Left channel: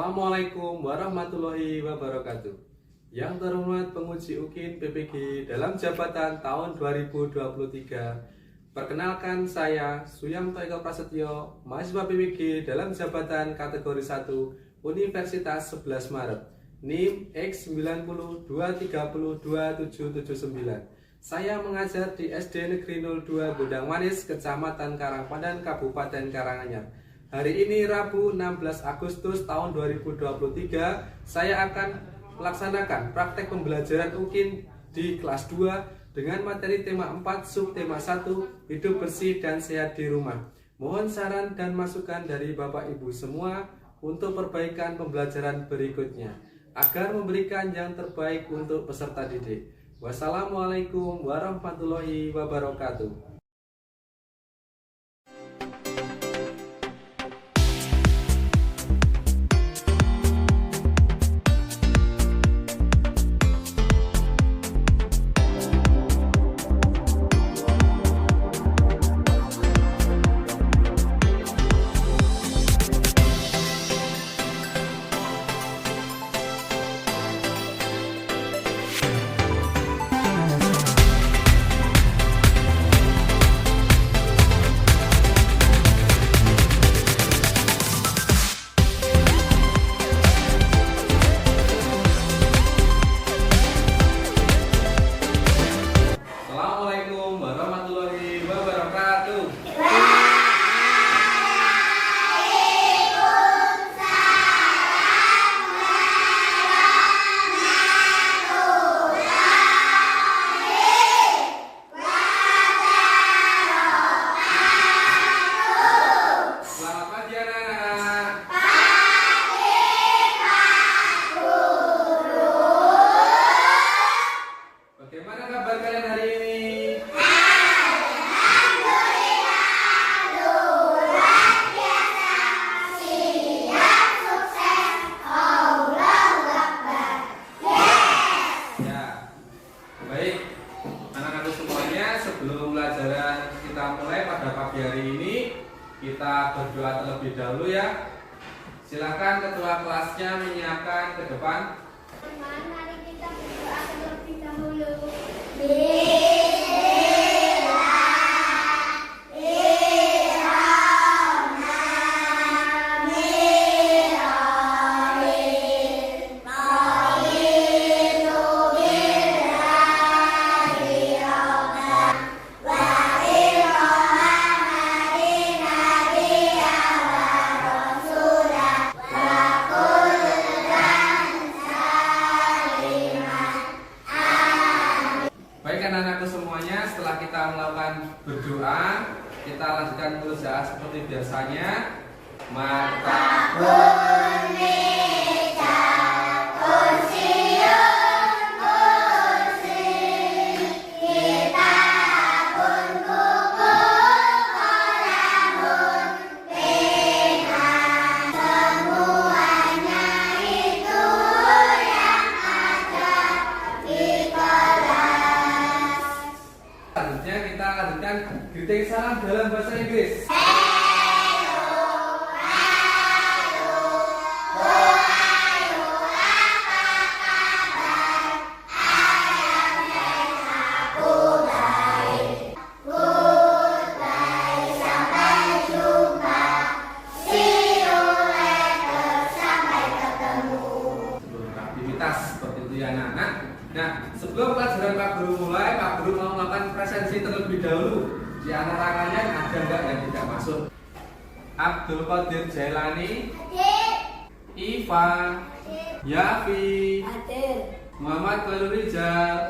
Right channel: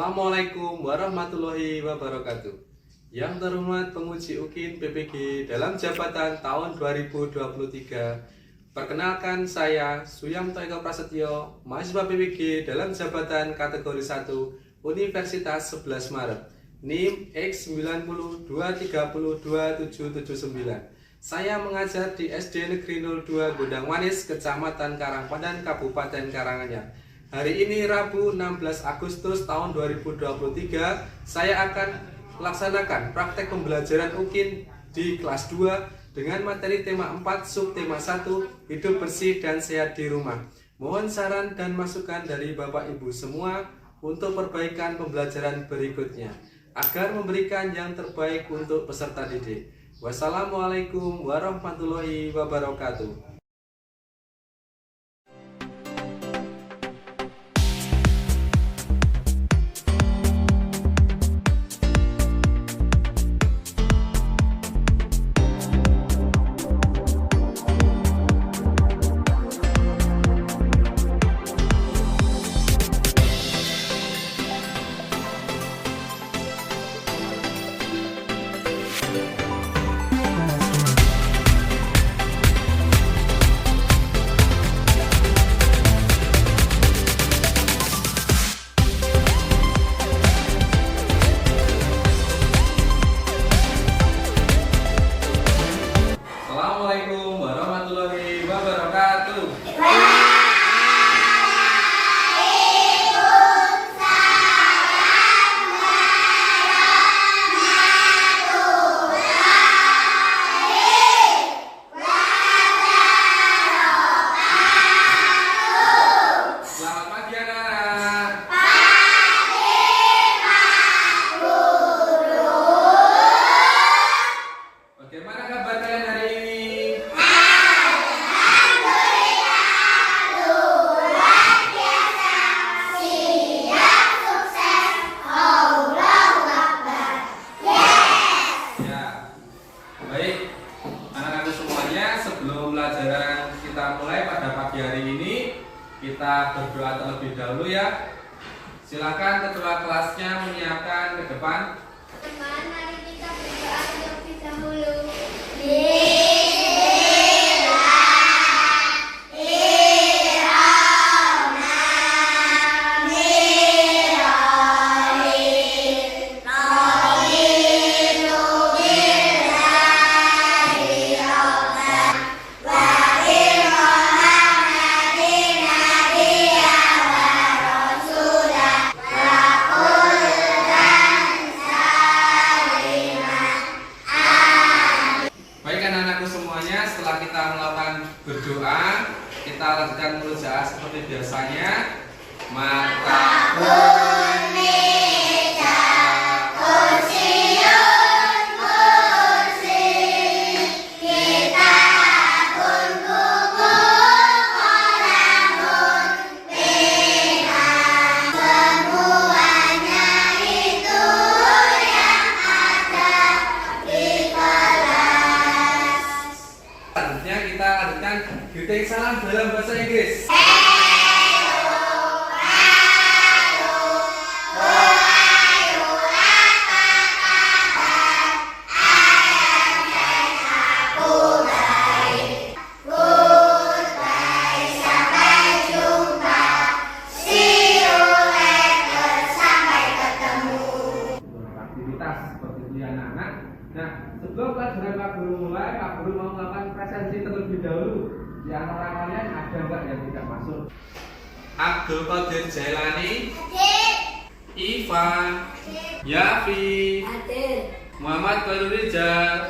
Assalamualaikum warahmatullahi wabarakatuh. Yang terhormat penguji UKIN PPG dalam jabatan tahun 2023. Perkenalkan saya Suyamto Eko Prasetyo, mahasiswa PPG dalam jabatan kategori 1 Universitas 11 Maret, NIM X9023027779. Saya mengajar di SD Negeri 02 Gondang Manis, Kecamatan Karangpandan, Kabupaten Karanganyar. Hari ini Rabu 16 Agustus tahun 2023, saya akan melaksanakan praktek pembelajaran UKIN di kelas 2 dengan materi tema 4 subtema 1 hidup bersih dan sehat di rumah. Mohon saran dan masukan dari Bapak Ibu semua untuk perbaikan pembelajaran berikutnya agar memberikan yang terbaik untuk peserta didik. Wassalamualaikum warahmatullahi wabarakatuh. Assalamualaikum warahmatullahi wabarakatuh. Selamat pagi anak-anak. Bagaimana kabar kalian hari ini? Baik, anak-anak semuanya, sebelum pelajaran kita mulai pada pagi hari ini, kita berdoa terlebih dahulu ya. Silakan ketua kelasnya menyiapkan ke depan. Teman, mari kita berdoa terlebih dahulu. Baik anak-anakku semuanya, setelah kita melakukan berdoa, kita lanjutkan murojaah seperti biasanya. Mata selanjutnya kita lanjutkan greeting salam dalam bahasa Inggris. Aktivitas seperti itu ya anak-anak. Nah, sebelum pelajaran Pak Guru mulai, Pak Guru mau melakukan presensi terlebih dahulu. Di antara kalian ada nggak yang tidak masuk? Abdul Qadir Jailani, Iva, Yafi, Muhammad Khairul Rizal.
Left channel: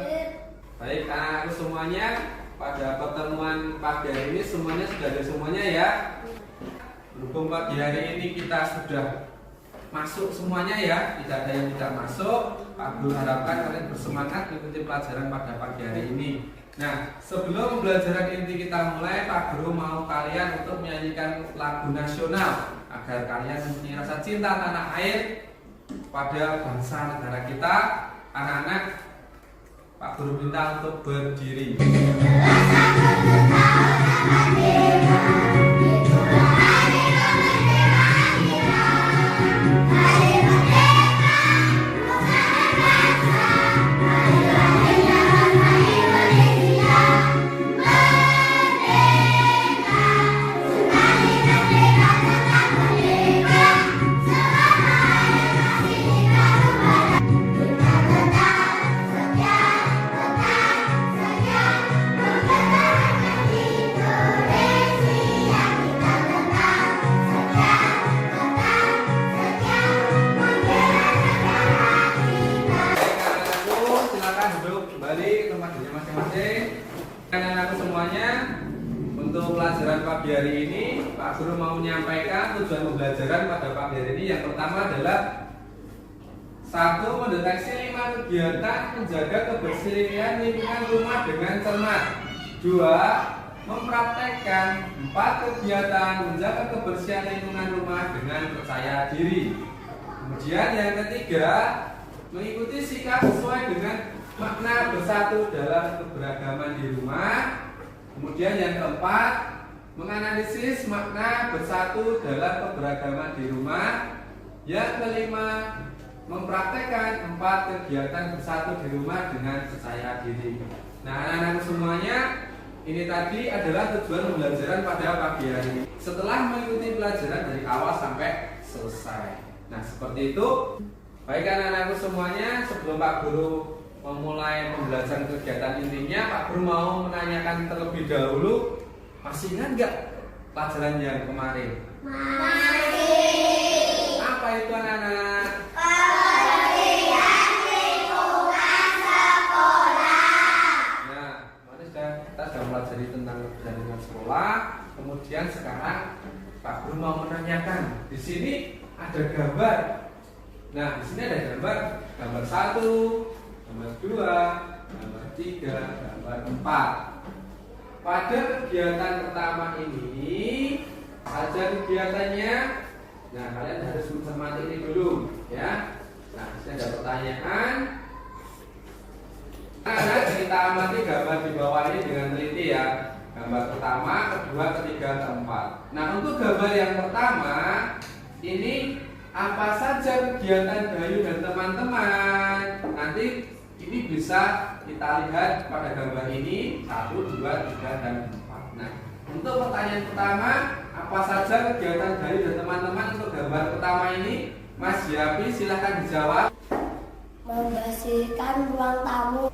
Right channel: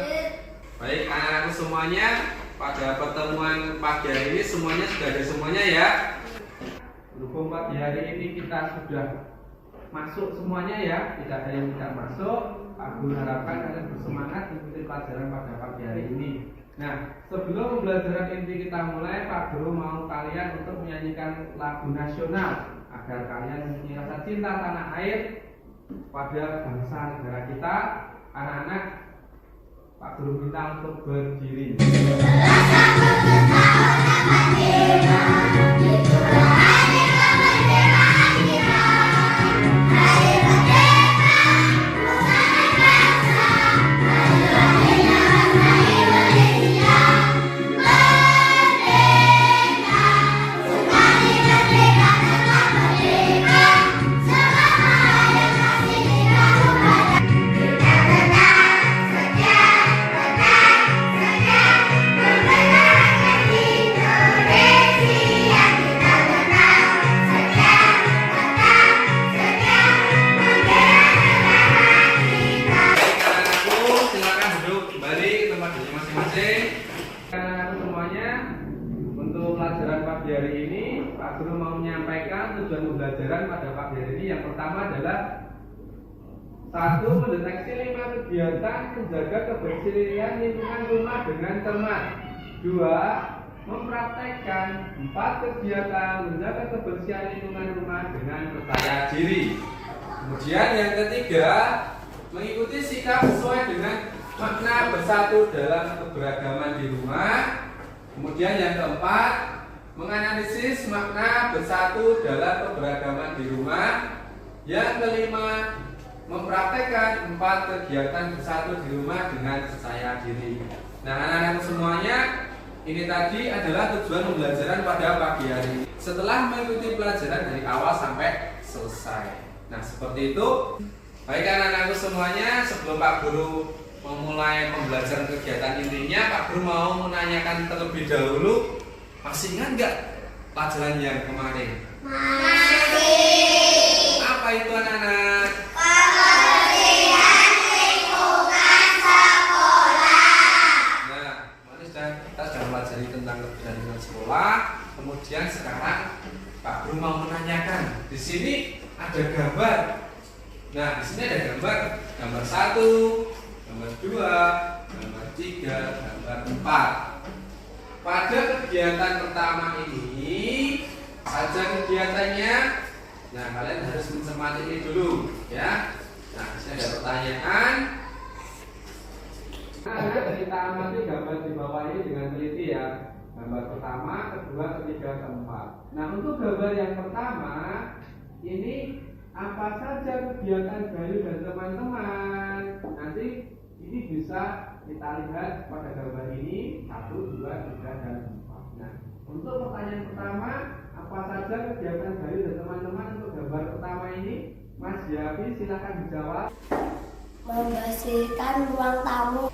Baik anak-anakku semuanya, pada pertemuan pagi hari ini semuanya sudah ada semuanya ya. Berhubung pagi hari ini kita sudah masuk semuanya ya, tidak ada yang tidak masuk. Pak Guru harapkan kalian bersemangat mengikuti pelajaran pada pagi hari ini. Nah, sebelum pembelajaran inti kita mulai, Pak Guru mau kalian untuk menyanyikan lagu nasional agar kalian mempunyai rasa cinta tanah air pada bangsa negara kita. Anak-anak, Pak Guru minta untuk berdiri. Itulah hari kemerdekaan kita. tujuan pembelajaran pada pagi hari ini yang pertama adalah 1. Mendeteksi 5 kegiatan menjaga kebersihan lingkungan rumah dengan cermat. 2. Mempraktekkan 4 kegiatan menjaga kebersihan lingkungan rumah dengan percaya diri. Kemudian yang ketiga, mengikuti sikap sesuai dengan makna bersatu dalam keberagaman di rumah. Kemudian yang keempat, menganalisis makna bersatu dalam keberagaman di rumah. Yang kelima, mempraktekkan 4 kegiatan bersatu di rumah dengan percaya diri. Nah, anak-anak semuanya, ini tadi adalah tujuan pembelajaran pada pagi hari ini. Setelah mengikuti pelajaran dari awal sampai selesai. Nah, seperti itu. Baik anak-anakku semuanya, sebelum Pak Guru memulai pembelajaran kegiatan intinya, Pak Guru mau menanyakan terlebih dahulu, masih ingat nggak pelajaran yang kemarin? Masih. Apa itu anak-anak? Kebersihan lingkungan sekolah. Nah, kita sudah pelajari tentang kebersihan lingkungan sekolah. Kemudian sekarang Pak Guru mau menanyakan, di sini ada gambar. Nah, di sini ada gambar 1, gambar 2, gambar 3, gambar 4. Pada kegiatan pertama ini saja kegiatannya. Nah, kalian harus mencermati ini dulu, ya. Nah, di sini ada pertanyaan. Nah, kita amati gambar di bawah ini dengan teliti ya. Gambar pertama, kedua, ketiga, keempat. Nah, untuk gambar yang pertama ini apa saja kegiatan Bayu dan teman-teman? Nanti ini bisa kita lihat pada gambar ini 1, 2, 3, dan 4. Nah, untuk pertanyaan pertama, apa saja kegiatan Bayu dan teman-teman untuk gambar pertama ini? Mas Yapi silahkan dijawab. Membersihkan ruang tamu.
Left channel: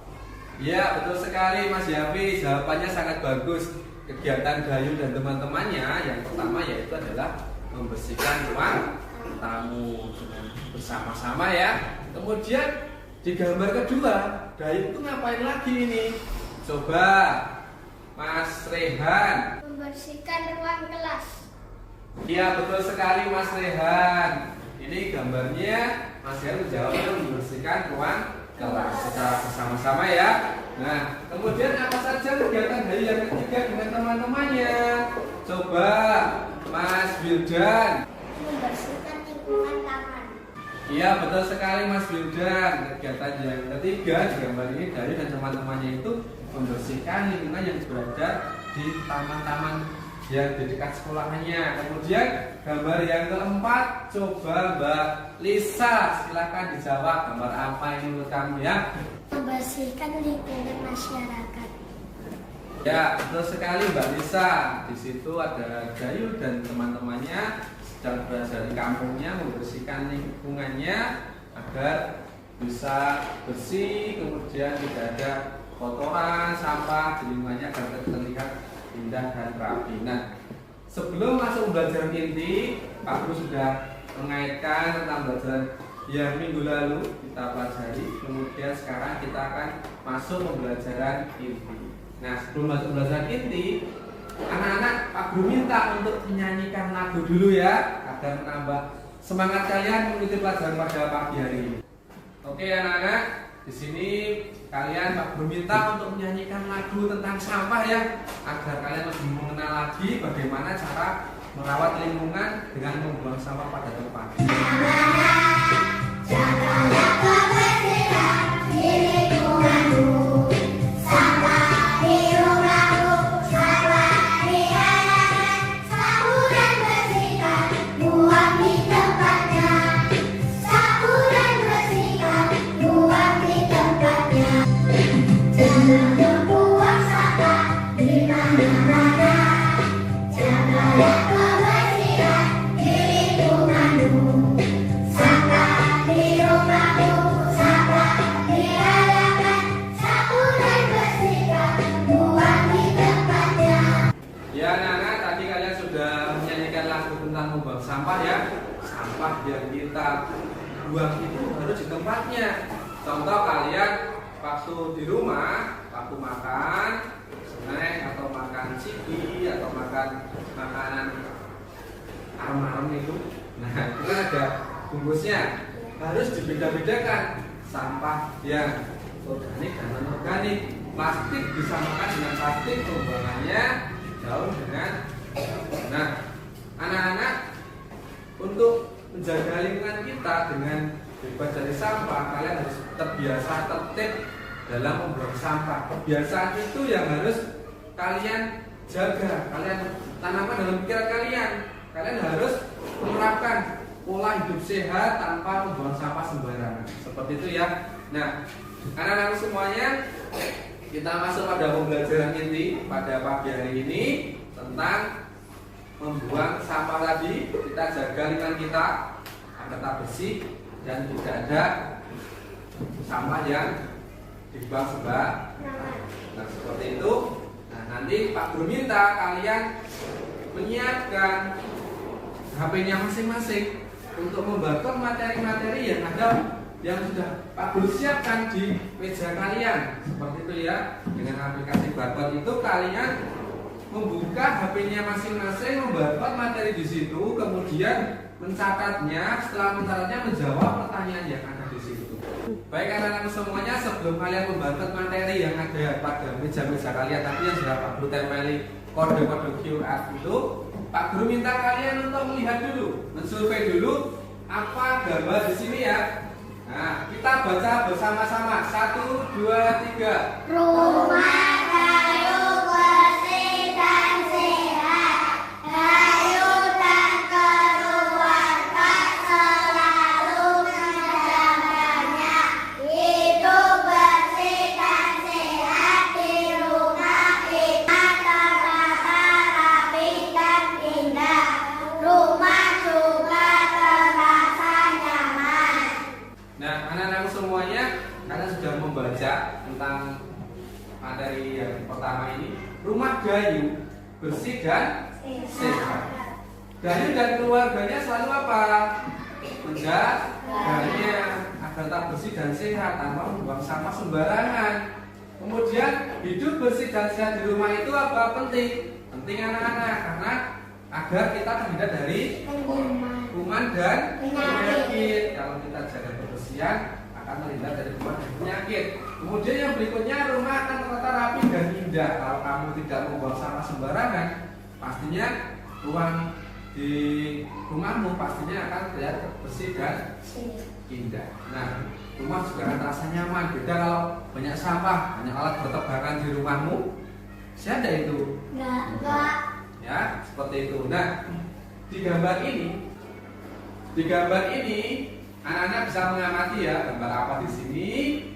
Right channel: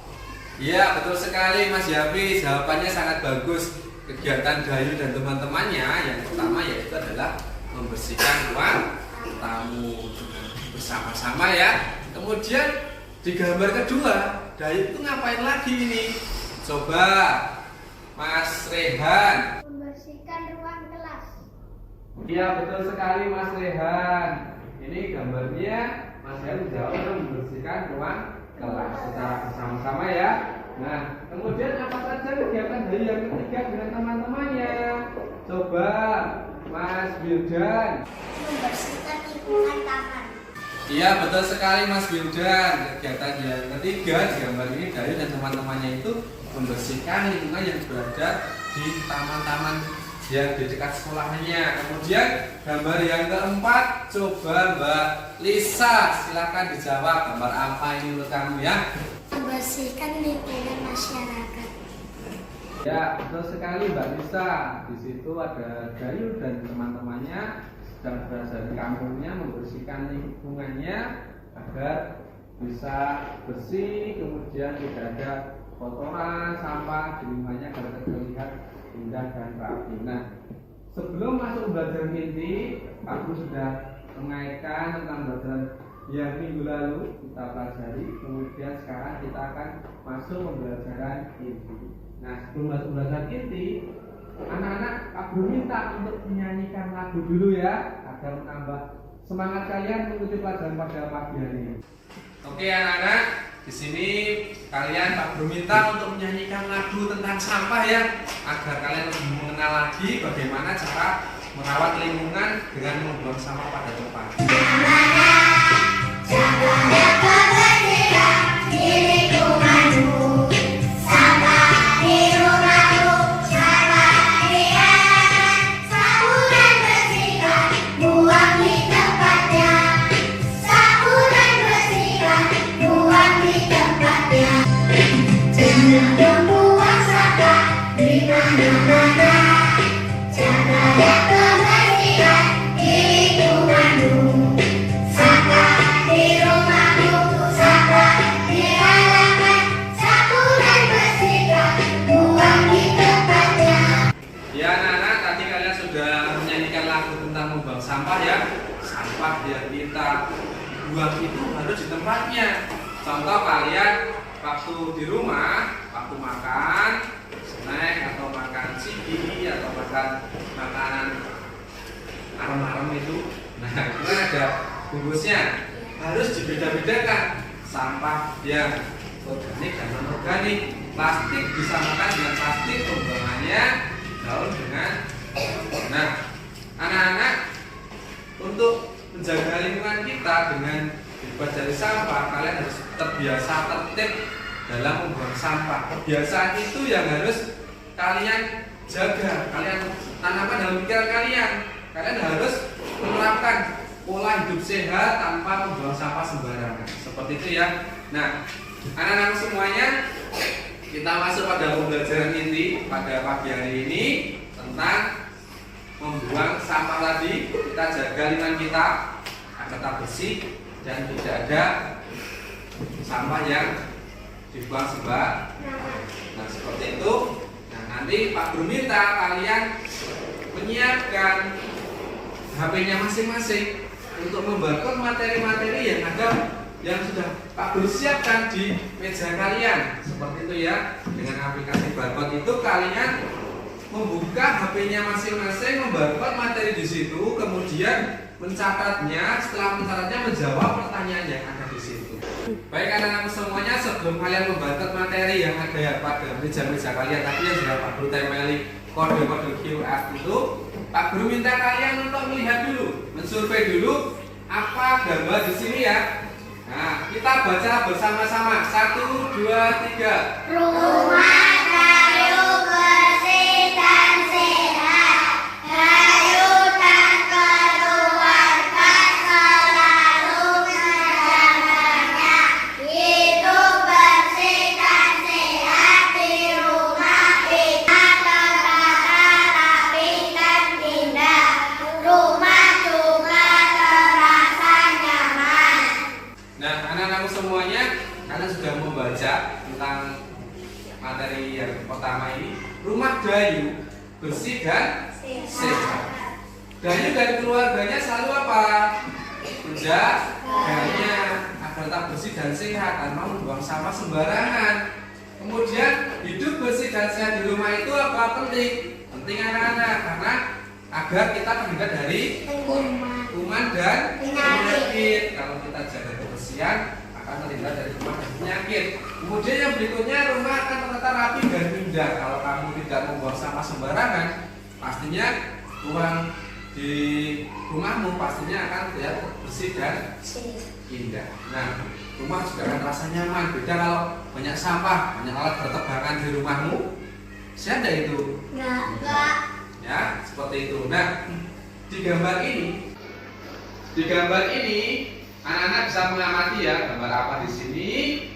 Iya, betul sekali Mas Yapi, jawabannya sangat bagus. Kegiatan Bayu dan teman-temannya yang pertama yaitu adalah membersihkan ruang tamu dengan bersama-sama ya. Kemudian di gambar kedua, Dayu itu ngapain lagi ini? Coba Mas Rehan. Membersihkan ruang kelas. Iya, betul sekali Mas Rehan. Ini gambarnya Mas Rehan menjawabnya membersihkan ruang kelas secara bersama-sama ya. Nah, kemudian apa saja kegiatan Dayu yang ketiga dengan teman-temannya? Coba Mas Wildan. Membersihkan lingkungan taman. Iya, betul sekali Mas Wildan. Kegiatan yang ketiga di gambar ini Dayu dan teman-temannya itu membersihkan lingkungan yang berada di taman-taman yang di dekat sekolahnya. Kemudian gambar yang keempat, coba Mbak Lisa silakan dijawab, gambar apa ini menurut kamu ya? Membersihkan lingkungan masyarakat. Ya, betul sekali Mbak Lisa. Di situ ada Dayu dan teman-temannya sedang berada di kampungnya membersihkan lingkungannya agar bisa bersih, kemudian tidak ada kotoran, sampah di lingkungannya agar terlihat indah dan rapi. Nah, sebelum masuk pembelajaran inti, Pak Guru sudah mengaitkan tentang pembelajaran yang minggu lalu kita pelajari. Kemudian sekarang kita akan masuk pembelajaran inti. Nah, sebelum masuk pembelajaran inti, anak-anak Pak Guru minta untuk menyanyikan lagu dulu ya, agar menambah semangat kalian mengikuti pelajaran pada pagi hari ini. Oke anak-anak, di sini kalian Pak Guru minta untuk menyanyikan lagu tentang sampah ya, agar kalian lebih mengenal lagi bagaimana cara merawat lingkungan dengan membuang sampah pada tempatnya. Jagalah kebersihan di lingkunganmu, sampah di rumahmu, sampah di halaman, sapu dan bersihkan, buang di tempatnya. Sapu dan bersihkan, buang di tempatnya. Jangan membuang sampah di mana-mana. Jagalah kebersihan di lingkunganmu. Ya anak-anak, tadi kalian sudah menyanyikan lagu tentang membuang sampah ya. Sampah yang kita buang itu harus di tempatnya. Contoh kalian waktu di rumah, waktu makan snack atau makan ciki atau makan makanan arem-arem itu. Nah, itu kan ada bungkusnya. Harus dibeda-bedakan sampah yang organik dan non-organik. Plastik disamakan dengan plastik, pembuangannya daun dengan. Nah, anak-anak, untuk menjaga lingkungan kita dengan bebas dari sampah, kalian harus terbiasa tertib dalam membuang sampah. Kebiasaan itu yang harus kalian jaga, kalian tanamkan dalam pikiran kalian. Kalian harus menerapkan pola hidup sehat tanpa membuang sampah sembarangan. Seperti itu ya. Nah, anak-anak semuanya, kita masuk pada pembelajaran inti pada pagi hari ini tentang membuang sampah tadi. Kita jaga lingkungan kita agar tetap bersih dan tidak ada sampah yang dibuang sembarangan. Nah, seperti itu. Nah, nanti Pak Guru minta kalian menyiapkan HP-nya masing-masing untuk membarcode materi-materi yang ada yang sudah Pak Guru siapkan di meja kalian. Seperti itu ya. Dengan aplikasi barcode itu kalian membuka HP-nya masing-masing, membarcode materi di situ, kemudian mencatatnya. Setelah mencatatnya, menjawab pertanyaan yang ada di situ. Baik anak-anak semuanya, sebelum kalian membarcode materi yang ada pada meja-meja kalian, tapi yang sudah Pak Guru tempeli kode-kode QR itu, Pak Guru minta kalian untuk melihat dulu, mensurvei dulu apa gambar di sini ya. Nah, kita baca bersama-sama. 1, 2, 3. Rumah kayu bersih dan sehat. Kayu tak keluarkan, selalu menjaganya. Hidup bersih dan sehat di rumah kita, tertata rapi dan indah. Rumah juga terasa nyaman. Nah, anak-anakku semuanya, kalian sudah membaca tentang materi yang pertama ini. Rumah Dayu bersih dan sehat. Dayu dan keluarganya selalu apa? Menjaganya agar tetap bersih dan sehat tanpa membuang sampah sembarangan. Kemudian hidup bersih dan sehat di rumah itu apa? Penting. Penting anak-anak, karena agar kita terhindar dari kuman dan penyakit. Kalau kita jaga kebersihan, akan terhindar dari kuman dan penyakit. Kemudian yang berikutnya, rumah akan tertata rapi dan indah. Kalau kamu tidak membuang sampah sembarangan, pastinya ruang di rumahmu pastinya akan terlihat bersih dan indah. Nah, rumah juga akan terasa nyaman. Beda kalau banyak sampah, banyak alat bertebangan di rumahmu. Saya ada itu. Enggak. Ya, seperti itu. Nah, di gambar ini anak-anak bisa mengamati ya gambar apa di sini,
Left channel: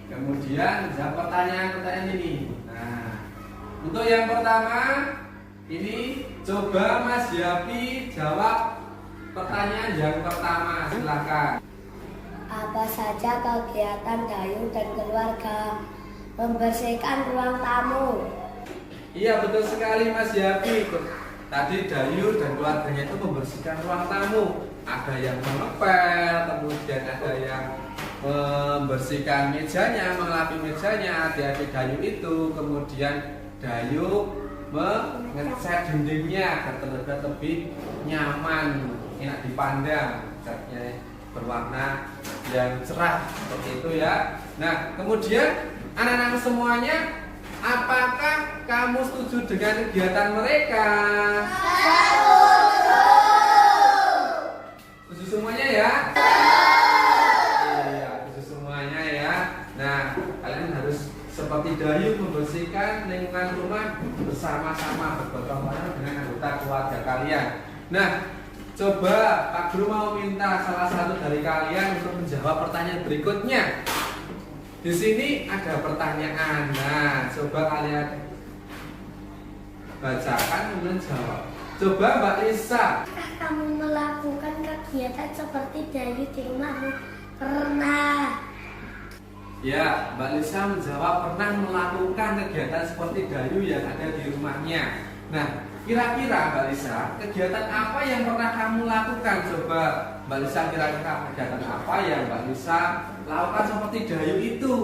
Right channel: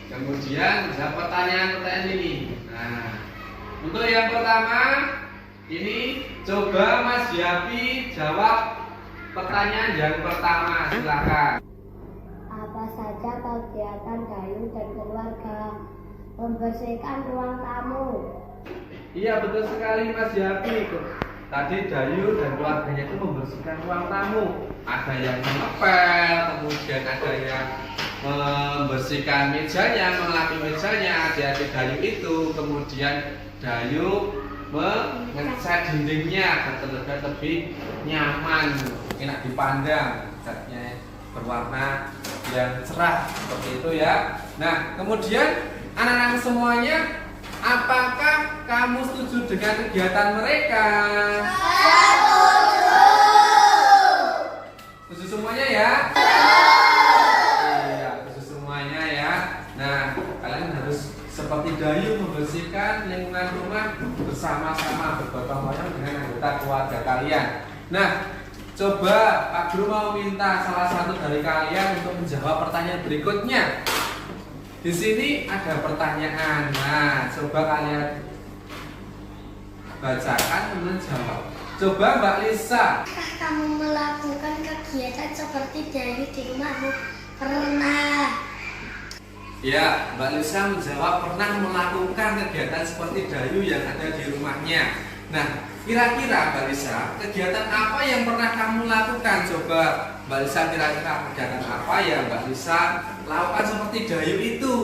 kemudian menjawab pertanyaan-pertanyaan ini. Nah, untuk yang pertama ini coba Mas Yapi jawab pertanyaan yang pertama, silakan. Apa saja kegiatan Dayu dan keluarga? Membersihkan ruang tamu. Iya, betul sekali Mas Yapi. Tadi Dayu dan keluarganya itu membersihkan ruang tamu. Ada yang mengepel, kemudian ada yang membersihkan mejanya, mengelapi mejanya. Adik-adik Dayu itu, kemudian Dayu mengecat dindingnya agar terlihat lebih nyaman, enak dipandang, catnya berwarna yang cerah seperti itu ya. Nah, kemudian anak-anak semuanya, apakah kamu setuju dengan kegiatan mereka? Setuju semuanya ya? Iya, setuju semuanya ya. Nah, kalian harus seperti Dayu membersihkan lingkungan rumah bersama-sama, bergotong royong dengan anggota keluarga kalian. Nah, coba Pak Guru mau minta salah satu dari kalian untuk menjawab pertanyaan berikutnya. Di sini ada pertanyaan. Nah, coba kalian bacakan dan jawab. Coba Mbak Lisa. Apakah kamu melakukan kegiatan seperti Dayu di rumahmu? Pernah. Ya, Mbak Lisa menjawab pernah melakukan kegiatan seperti Dayu yang ada di rumahnya. Nah, kira-kira Mbak Lisa, kegiatan apa yang pernah kamu lakukan? Coba Mbak Lisa, kira-kira kegiatan apa yang Mbak Lisa lakukan seperti Dayu itu?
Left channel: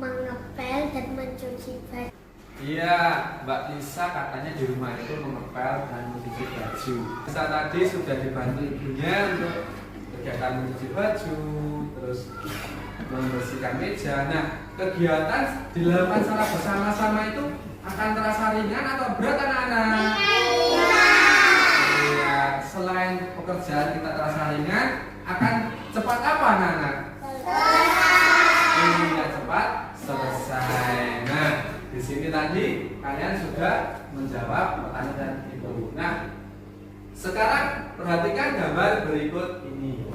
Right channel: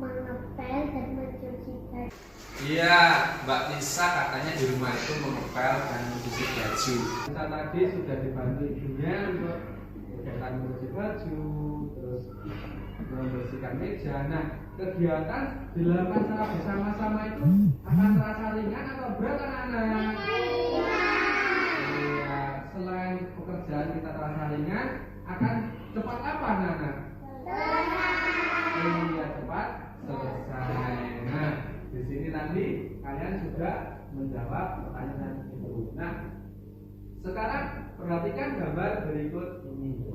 Mengepel dan mencuci baju. Iya, Mbak Nisa katanya di rumah itu mengepel dan mencuci baju. Nisa tadi sudah dibantu ibunya untuk kegiatan mencuci baju, terus membersihkan meja. Nah, kegiatan dilakukan secara bersama-sama itu akan terasa ringan atau berat anak-anak? Iya, selain pekerjaan kita terasa ringan, akan cepat apa anak-anak? Iya, cepat selesai. Nah, di sini tadi kalian sudah menjawab pertanyaan itu. Nah, sekarang perhatikan gambar berikut ini.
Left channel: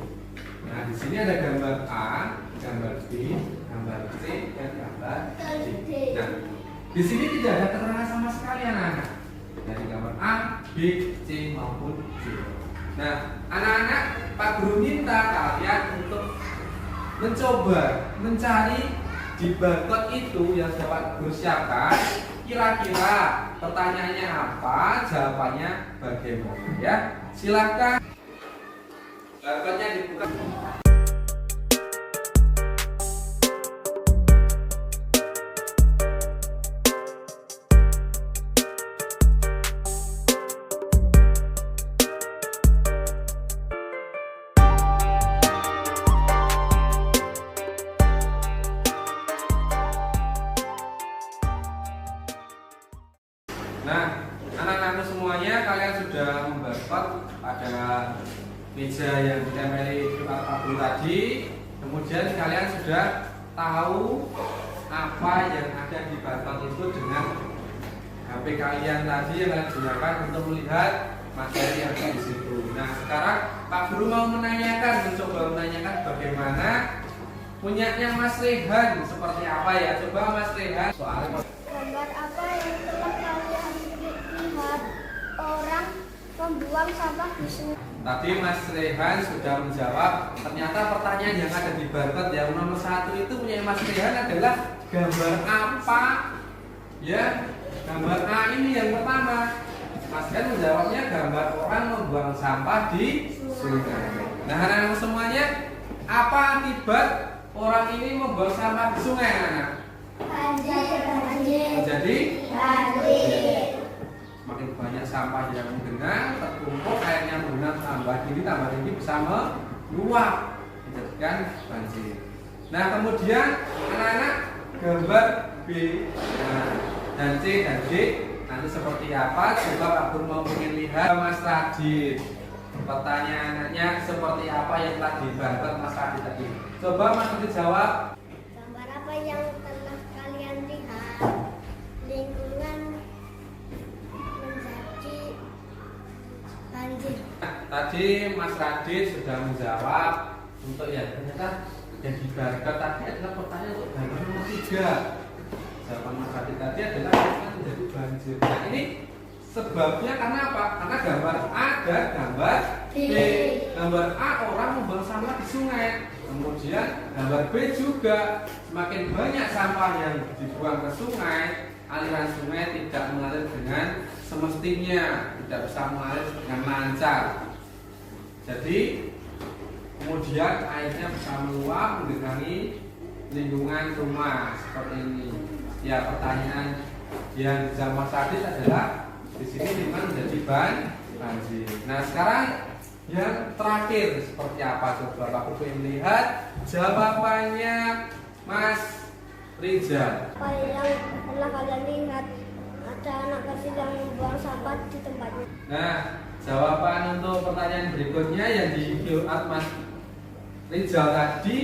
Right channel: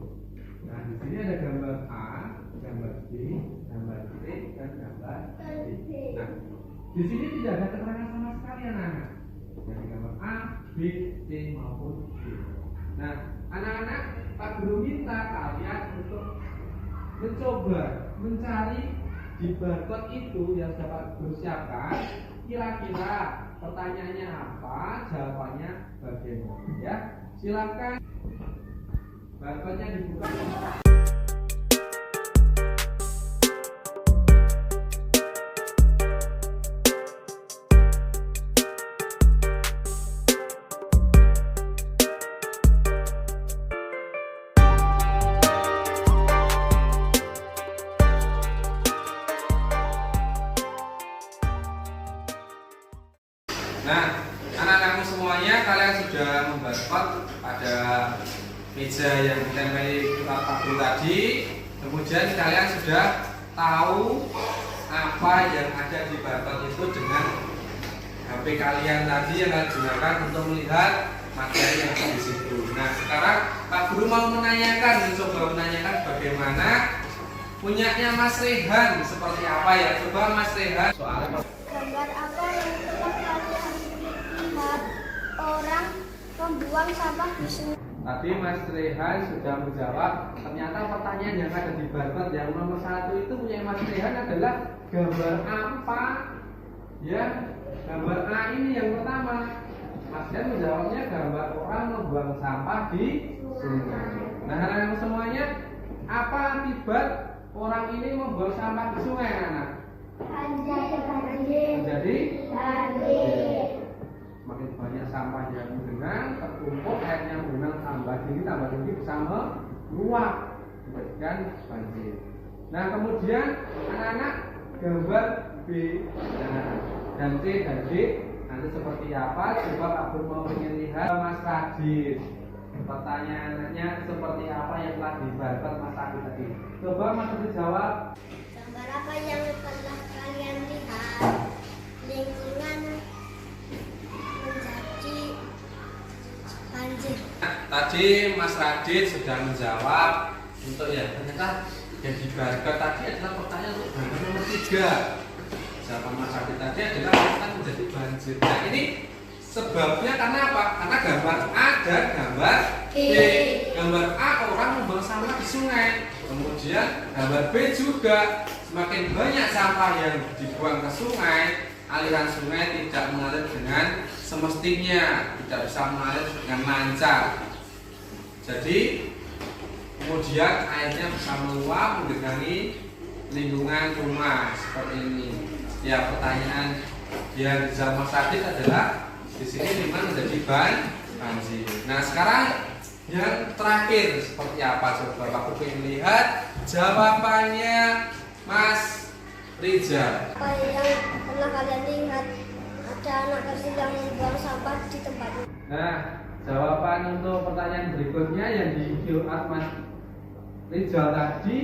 Nah, di sini ada gambar A, gambar B, gambar C, dan gambar D. Nah, di sini tidak ada keterangan sama sekali anak-anak. Dari gambar A, B, C maupun D. Nah, anak-anak, Pak Guru minta kalian untuk mencoba mencari di barcode itu yang dapat Guru siapkan. Kira-kira pertanyaannya apa, jawabannya bagaimana ya? Silakan. Barcode-nya dibuka. Nah, anak-anakku semuanya, kalian sudah membarcode pada meja yang ditempeli Pak Guru tadi. Kemudian kalian sudah tahu apa yang ada di barcode itu dengan HP kalian tadi yang kalian gunakan untuk melihat materi yang ada di situ. Nah, sekarang Pak Guru mau mencoba menanyakan bagaimana punyanya Mas Rehan seperti apa ya? Coba Mas Rehan soal Gambar apa yang telah kalian lihat orang membuang sampah di sungai? Tadi Mas Rehan sudah menjawab. Ternyata pertanyaan yang ada di barcode yang nomor 1 itu punya Mas Rehan adalah gambar apa? Ya, gambar A ini yang pertama. Mas Rehan menjawabnya gambar orang membuang sampah di sungai. Nah, anak-anak semuanya, apa akibat orang ini membuang sampah di sungai, anak-anak? Jadi semakin banyak sampah yang menggenang, terkumpul, airnya menggenang tambah tinggi bisa meluap, menjadikan banjir. Nah, kemudian anak-anak gambar B dan C dan D nanti seperti apa? Coba Pak Guru mau ingin lihat Mas Radit. Pertanyaannya seperti apa yang telah dibarcode Mas Radit tadi? Coba Mas Radit jawab. Gambar apa yang telah kalian lihat? Lingkungan menjadi banjir. Nah, tadi Mas Radit sudah menjawab untuk ya ternyata yang di barcode tadi adalah pertanyaan untuk gambar nomor 3. Jawaban Mas Radit tadi adalah akan menjadi banjir. Nah, ini sebabnya karena apa? Karena gambar A dan gambar B. Gambar A orang membuang sampah di sungai. Kemudian gambar B juga semakin banyak sampah yang dibuang ke sungai, aliran sungai tidak mengalir dengan semestinya, tidak bisa mengalir dengan lancar. Jadi kemudian airnya bisa meluap menggenangi lingkungan rumah seperti ini. Ya, pertanyaan yang dijawab Mas Radit adalah di sini memang menjadi banjir. Nah, sekarang yang terakhir seperti apa? Coba Pak Guru ingin lihat jawabannya Mas Rizal. Apa yang pernah kalian lihat? Ada anak kecil yang membuang sampah di tempatnya. Nah, jawaban untuk pertanyaan berikutnya yang di QR Mas Rizal tadi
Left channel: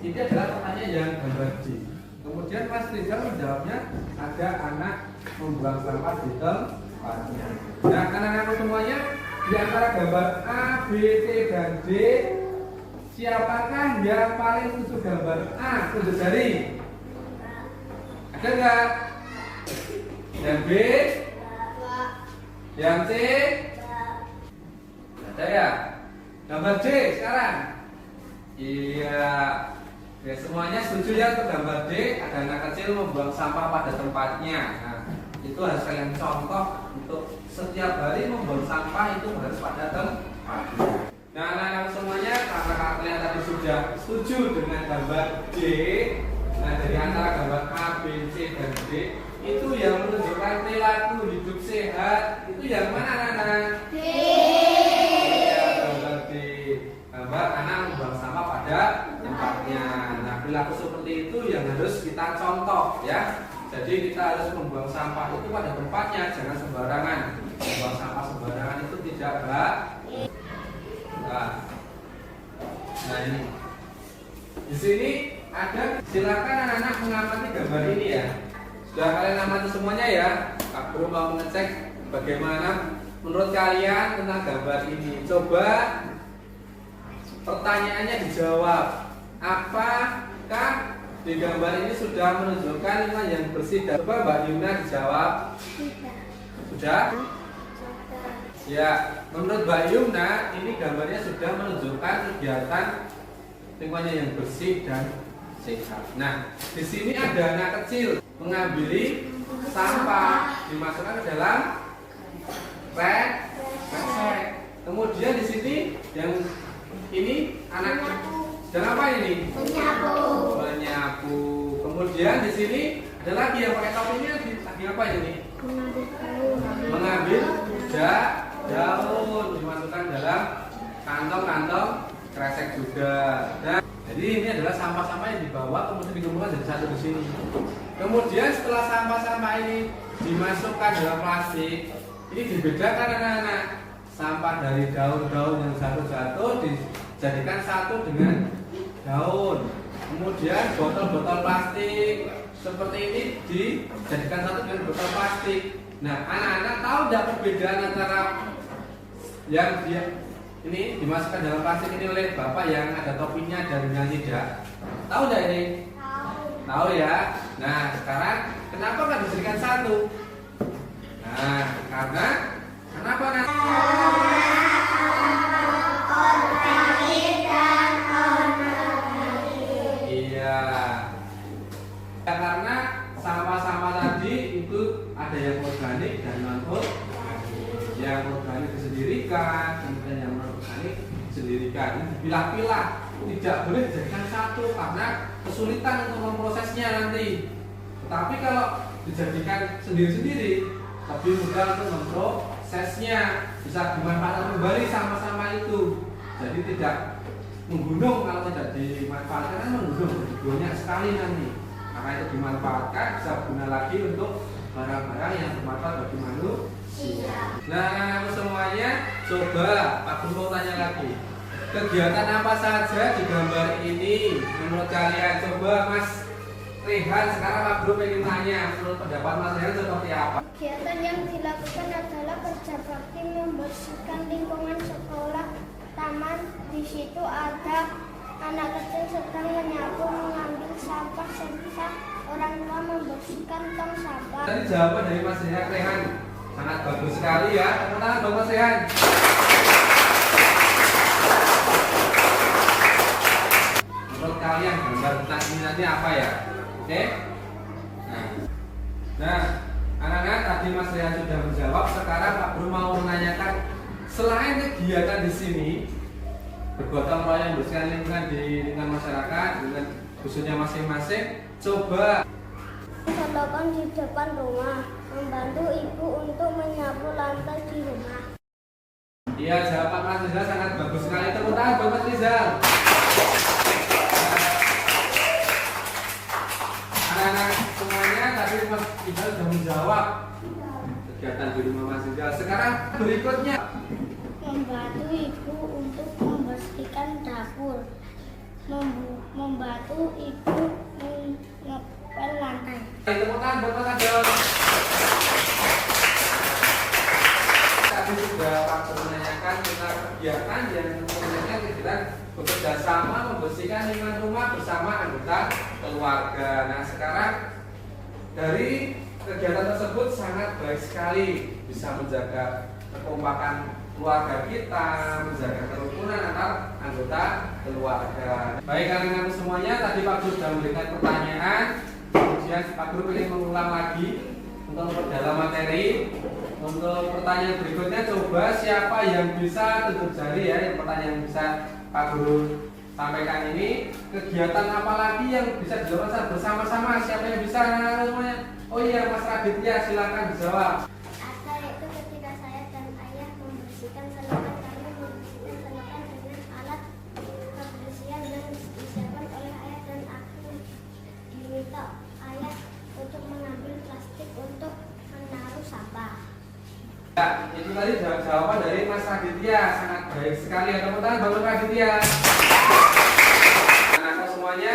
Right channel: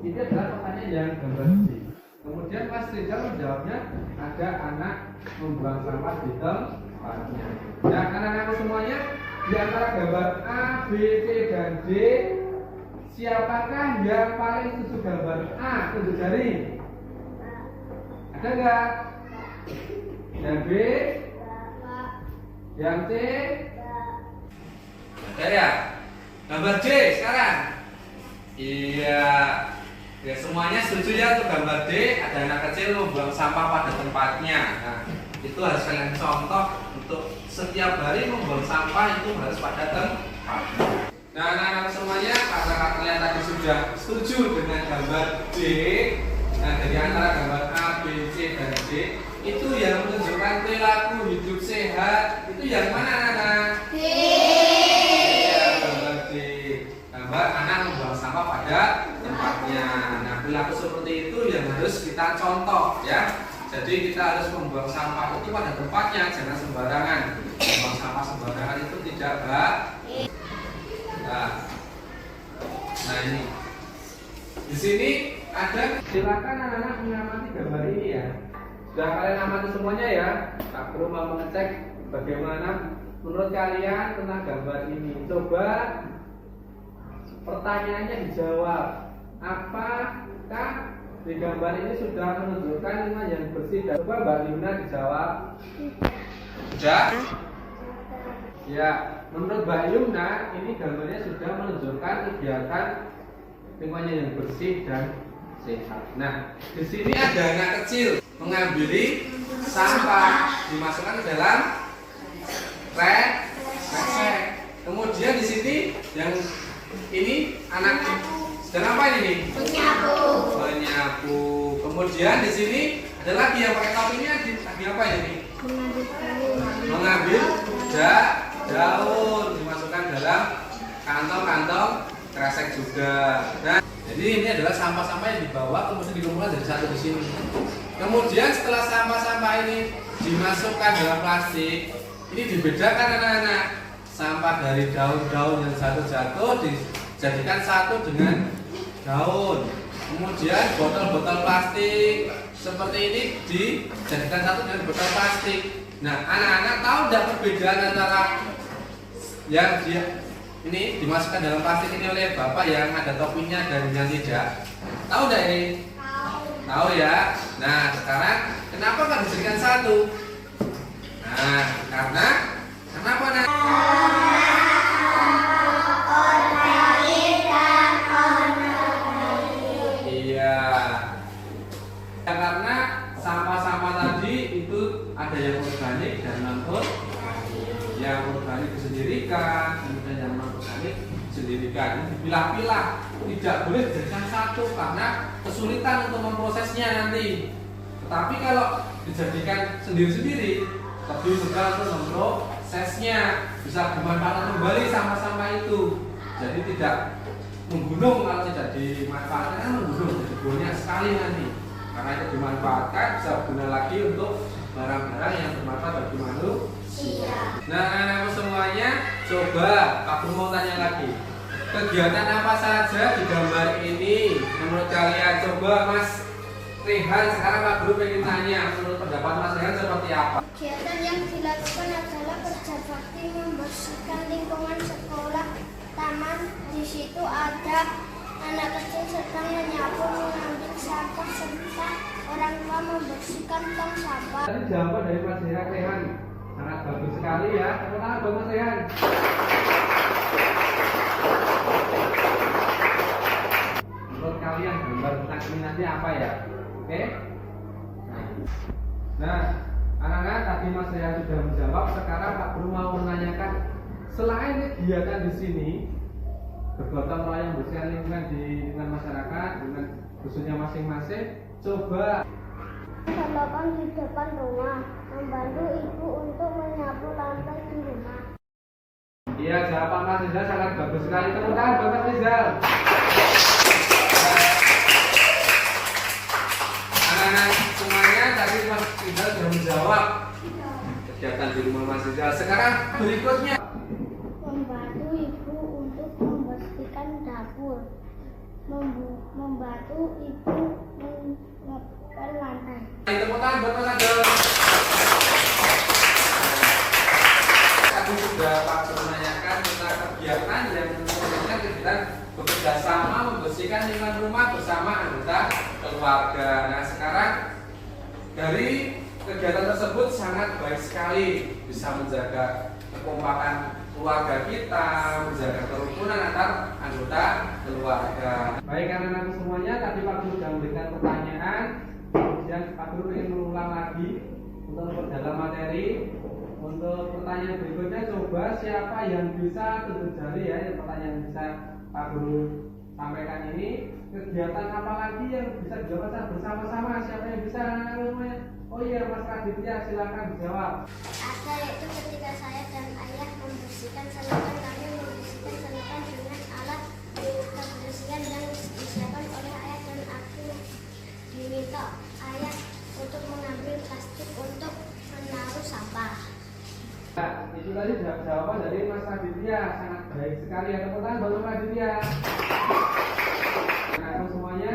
ini adalah pertanyaan yang gambar D. Kemudian Mas Rizal menjawabnya ada anak membuang sampah di tempatnya. Nah, anak-anak semuanya, di antara gambar A, B, C, dan D, siapakah yang paling setuju gambar A? Tunjuk jari. Ada nggak? Yang B? Yang C? Ada ya? Gambar D sekarang? Iya. Ya, semuanya setuju ya untuk gambar D, ada anak kecil membuang sampah pada tempatnya. Nah, itu harus kalian contoh untuk setiap hari membuang sampah itu harus pada tempatnya. Nah, anak-anak semuanya, karena kalian tadi sudah setuju dengan gambar D, nah dari antara gambar A, B, C, dan D, itu yang menunjukkan perilaku hidup sehat. Itu yang mana anak-anak? Iya, gambar D. Gambar anak membuang sampah pada tempatnya. Nah, perilaku seperti itu yang harus kita contoh ya. Jadi kita harus membuang sampah itu pada tempatnya, jangan sembarangan. Membuang sampah sembarangan itu tidak baik. Nah ini di sini ada, silakan anak-anak mengamati gambar ini ya. Sudah kalian amati semuanya ya. Pak Guru mau mengecek bagaimana menurut kalian tentang gambar ini. Coba pertanyaannya dijawab. Apakah di gambar ini sudah menunjukkan lingkungan yang bersih? Coba Mbak Yuna dijawab. Sudah? Ya, menurut Mbak Yuna ini gambarnya sudah menunjukkan kegiatan lingkungannya yang bersih dan sehat. Nah, di sini ada anak kecil mengambil sampah, dimasukkan ke dalam kresek. Kemudian di sini yang ini anak sedang apa ini? Menyapu. Kemudian di sini ada lagi yang pakai topi ini lagi apa ini? Mengambil daun, dimasukkan dalam kantong-kantong kresek juga. Nah, jadi ini adalah sampah-sampah yang dibawa kemudian dikumpulkan jadi satu di sini. Kemudian setelah sampah-sampah ini dimasukkan dalam plastik, ini dibedakan anak-anak. Sampah dari daun-daun yang jatuh-jatuh dijadikan satu dengan daun. Kemudian botol-botol plastik seperti ini dijadikan satu dengan botol plastik. Nah, anak-anak tahu tidak perbedaan antara yang ini dimasukkan dalam plastik ini oleh bapak yang ada topinya dan yang tidak? Tahu tidak ini? Tahu ya. Nah, sekarang kenapa nggak dijadikan satu? Nah, karena kenapa nak? Iya. Ya, karena sampah-sampah tadi itu ada yang organik dan non organik. Yang organik disendirikan, kemudian yang non organik disendirikan. Dipilah-pilah, tidak boleh dijadikan satu karena kesulitan untuk memprosesnya nanti. Tetapi kalau dijadikan sendiri-sendiri, lebih mudah untuk memprosesnya, bisa dimanfaatkan kembali sama-sama itu. Jadi tidak menggunung, kalau tidak dimanfaatkan kan menggunung, banyak sekali nanti. Karena itu dimanfaatkan bisa berguna lagi untuk barang-barang yang bermanfaat bagi manusia. Nah, anak-anakku semuanya, coba aku mau tanya lagi. Kegiatan apa saja di gambar ini menurut kalian? Coba Mas Rehan, sekarang Pak Guru ingin tanya, menurut pendapat Mas Rehan seperti apa? Kegiatan yang dilakukan adalah kerja bakti membersihkan lingkungan sekolah, taman. Di situ ada anak kecil sedang menyapu, mengambil sampah, serta orang tua membersihkan tong sampah. Tadi jawaban dari Mas Rehan sangat bagus sekali ya. Tepuk tangan dong Mas Rehan. Menurut kalian gambar tentang ini nanti apa ya? Oke? Nah, anak-anak tadi Mas Rehan sudah menjawab. Sekarang Pak Guru mau menanyakan, selain kegiatan di sini bergotong royong membersihkan lingkungan di lingkungan masyarakat dengan khususnya masing-masing, coba Dilakukan di depan rumah, membantu ibu untuk menyapu lantai di rumah. Iya, jawaban Mas Rizal sangat bagus sekali. Tepuk tangan buat Mas Rizal. Anak-anak semuanya tadi Mas Rizal sudah menjawab kegiatan di rumah Mas Rizal. Sekarang berikutnya Membantu ibu untuk membersihkan dapur, membantu ibu mengepel lantai. tepuk tangan buat Mas Rizal. Tadi sudah Pak Guru menanyakan tentang kegiatan yang tentunya kegiatan bekerja sama membersihkan lingkungan rumah bersama anggota keluarga. Nah, sekarang dari kegiatan tersebut sangat baik sekali, bisa menjaga kekompakan keluarga kita, menjaga kerukunan antar anggota keluarga. Baik anak-anak semuanya, tadi Pak Guru sudah memberikan pertanyaan, kemudian Pak Guru ingin mengulang lagi untuk memperdalam materi. Untuk pertanyaan berikutnya, coba siapa yang bisa tunjuk jari ya, yang pertanyaan yang bisa Pak Guru sampaikan ini. Kegiatan apa lagi yang bisa dilakukan bersama-sama? Siapa yang bisa anak-anak semuanya? Oh iya, Mas Raditya, silakan dijawab. Ada, yaitu ketika saya dan ayah membersihkan selokan, kami membersihkan selokan dengan alat kebersihan yang disiapkan oleh ayah, dan aku diminta ayah untuk mengambil plastik untuk menaruh sampah. Ya, itu tadi jawaban dari Mas Raditya, sangat baik sekali. Tepuk tangan buat Mas Raditya. Anak-anak semuanya,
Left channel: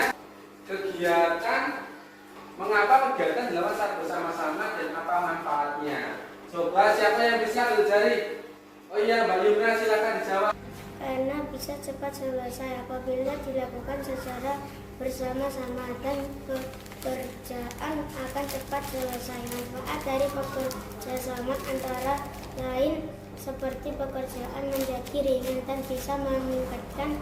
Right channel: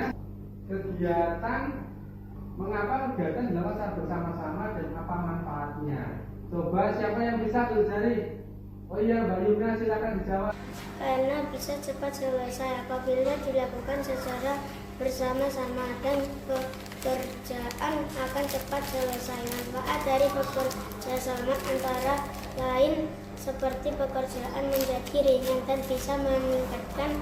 mengapa kegiatan dilakukan secara bersama-sama dan apa manfaatnya? Coba siapa yang bisa ambil jari? Oh iya, Mbak Yuna, silakan dijawab. Karena bisa cepat selesai apabila dilakukan secara bersama-sama, dan pekerjaan akan cepat selesai. Manfaat dari bekerja sama antara lain seperti pekerjaan menjadi ringan dan bisa meningkatkan